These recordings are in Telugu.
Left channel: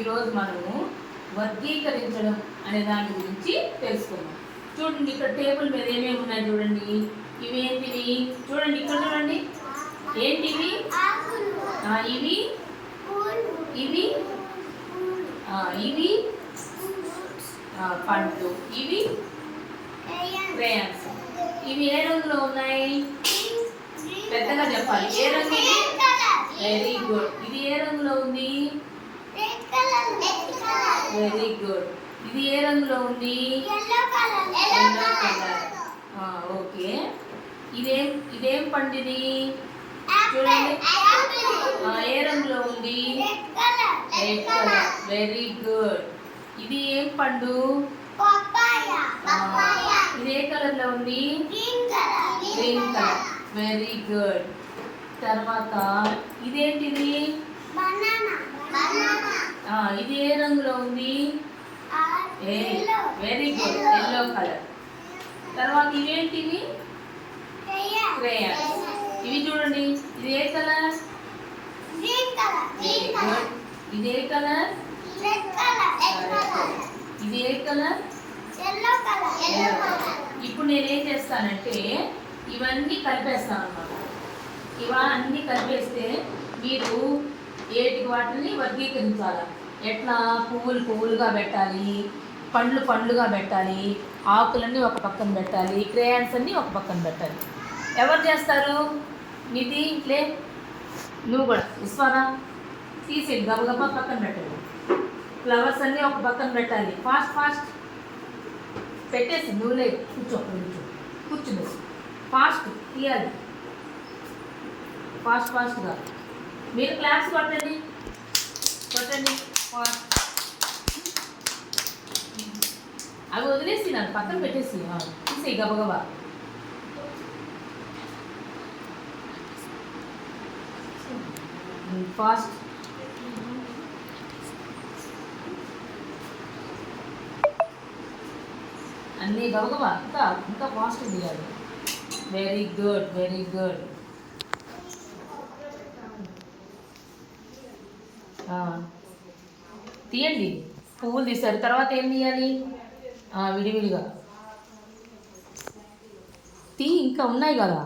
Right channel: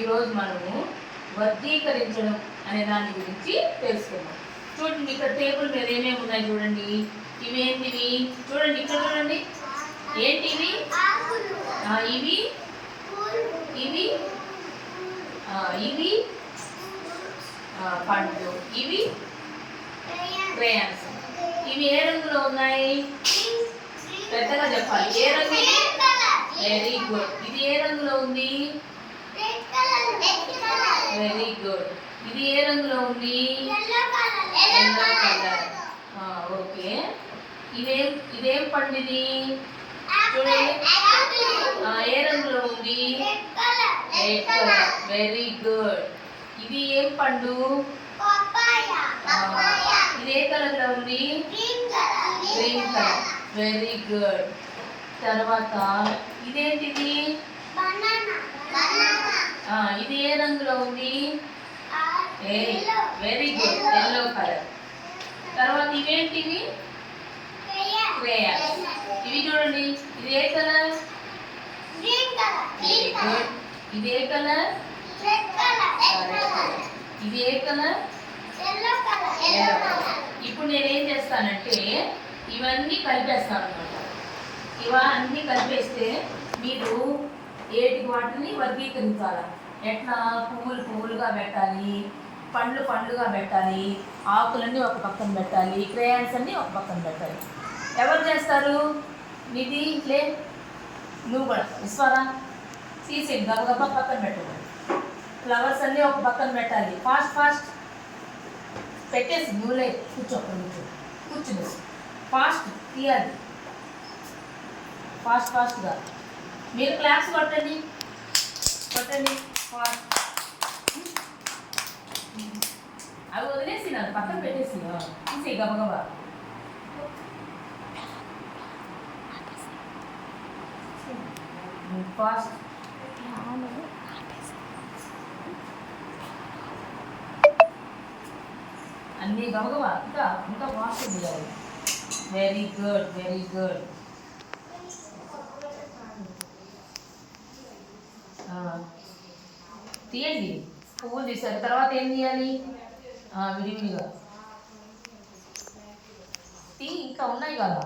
ఈరోజు మనము వర్గీకరించడం అనే దాని గురించి తెలుసుకుందాం. చూడండి, ఇక్కడ టేబుల్ మీద ఏమేమి ఉన్నాయి చూడండి. ఇవేంటివి చూడండి, ఇక్కడ చూడండి. ఏంటివి? ఇవి ఇవి ఇవి పండ్లు, ఇవి క్రేయాన్స్. ఇవి ఏ రంగులో ఉన్నాయి? పెద్దగా చెప్పాలి. ఏ రంగు? Very good. ఇది ఏ రంగులో ఉంది? Very good. ఇది ఏ రంగులో ఉంది? Yellow colour. ఓకే. ఇదేం పండు? ఇది చూడండి, ఏ రంగులో ఉంది? Red colour. Very good. ఇది ఏం పండు? ఇది ఏ కలర్ లో ఉంది? Green colour. Very good. తర్వాత ఇదేంటిది? ఇది ఏ రంగులో ఉంది? Very good, yellow colour. తర్వాత ఇవేంటివి? క్రేయాన్స్. ఇవి చూడండి, ఇది ఏ కలర్? ఇది ఏ కలర్? ఇది ఏ కలర్? ఇప్పుడు నేనేం చేస్తానంటే ఇవన్నీ కలిపేస్తాను అన్నమాట. ఇవన్నీ కలిపేస్తే మీరు ఏటికి వాటిని వర్గీకరించాలి. ఎట్లా? పువ్వులుగా పెట్టాలి, పండ్లుగా పెట్టాలి, ఆకులన్నీ ఒక పక్కన పెట్టాలి, క్రేయాన్స్ అన్నీ ఒక పక్కన పెట్టాలి. ఎవరు చేస్తారు? నిధి, లే నువ్వు కూడా విశ్వరా తీసే గబగబా పక్కన పెట్టాలి. ఫ్లవర్స్ అన్నీ ఒక పక్కన పెట్టాలి. ఫాస్ట్ పెట్టేసి నువ్వులే కూర్చుని ఫాస్ట్ తీయాలి. ఫాస్ట్గా మీరు క్లాప్స్ కొట్టండి. ఫాస్ట్. అవి వదిలేసి నన్ను పక్కన పెట్టేసి తీసే గబగబా. ఫాస్ట్. అన్నీ గబగబా ఇంకా ఫాస్ట్ తీయాలి. Very good. తీయండి. పువ్వులు తీశారు, తర్వాత ఏం తీయాలి? విడివిడిగా ఇంకా ఉన్నాయి కదా.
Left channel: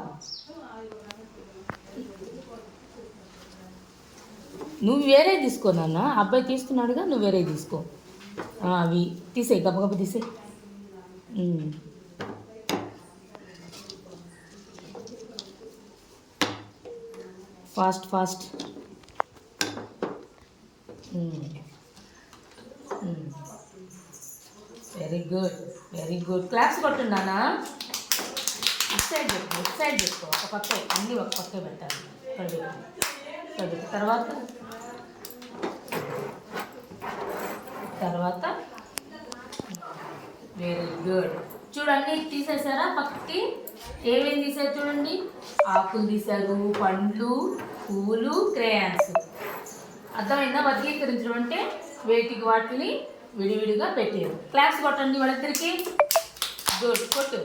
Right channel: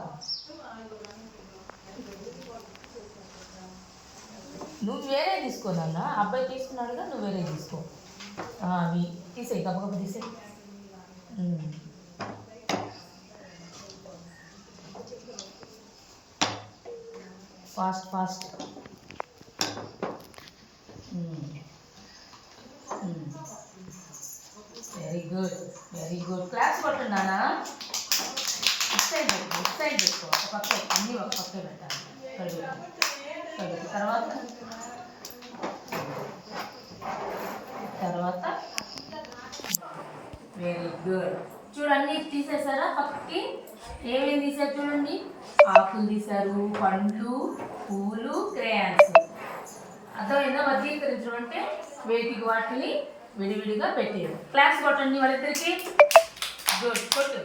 నువ్వు వేరే తీసుకో నాన్న, అబ్బాయి తీసుకున్నాడుగా, నువ్వు వేరే తీసుకో. అవి తీసే గబగబ తీసే. ఫాస్ట్. Very good. క్లాస్ కొట్టున్నానా? ఇటు సైడ్ పెట్టుకో. ఒక పక్క అన్నీ ఒక పక్క పెట్టాలి. తర్వాత వెరీ గుడ్. చూడండి, తీసేసారా పక్కకి? ఏమేమి తీసారు చూడండి. ఆకులు తీశారు, పండ్లు, పువ్వులు, క్రేయాన్స్. అర్థమైందా? వర్గీకరించడం అంటే వేటికి వాటిని విడివిడిగా పెట్టేది. క్లాప్స్ కొట్టండి వాళ్ళిద్దరికి. గుడ్. కొట్టు.